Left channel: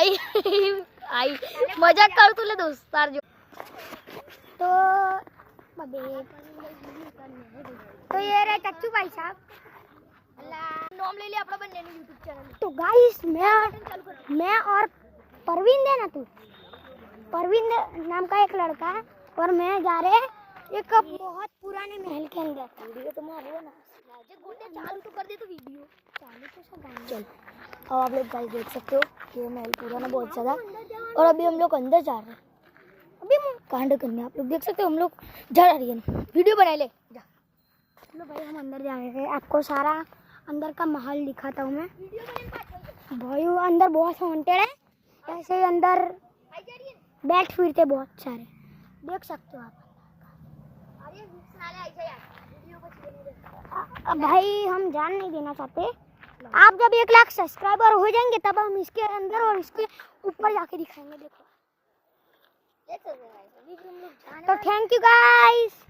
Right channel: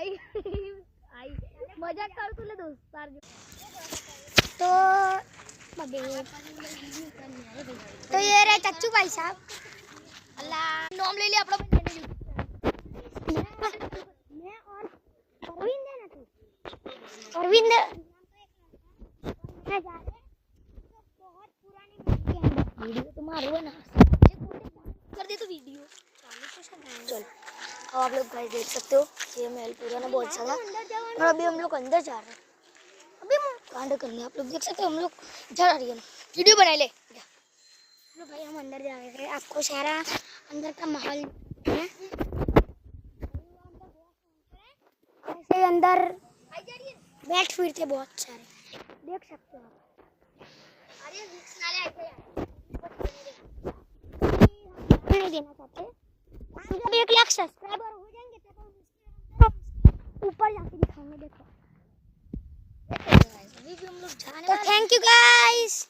आई आई मजाक करतो ले दोस्तार जो तो ये रहे चच्चू भाई साहब अल्लाह नाम ले लिया अपना बंदे ने YouTube चैनल। तो गाइस मैं और परवीन है ना तू परवीन नाम का एक लड़का है और मैं जा रहे हैं एक बहुत पुराने महल के अंदर। वीडियो तो मारो ना चालू तो कर दे तो वीडियो चालू तो चल। अब आप लोग गाइस देख सकते हो ये महल पुराना बहुत ज़्यादा और अभी हम लोग अंदर जा रहे हैं। अभी कांड करने आप लोग देख सकते हो हम लोग जा रहे हैं वीडियो बना ले लो भाई। हम अंदर जा रहे हैं आपको सारा अंदर का माहौल दिखाता हूँ मैं भाई। अंदर बहुत हॉन्टेड है ऐसे अंदर बैठ फिरते बहुत सारे देख सकते हो आप। भाई हम ध्यान नहीं देना चाहते। आप जब 1 लाख सब्सक्राइबर हो जाएंगे तब हम इसके अंदर और इसके ऊपर जाके दिखाएंगे। देखो तो थैंक यू गाइस।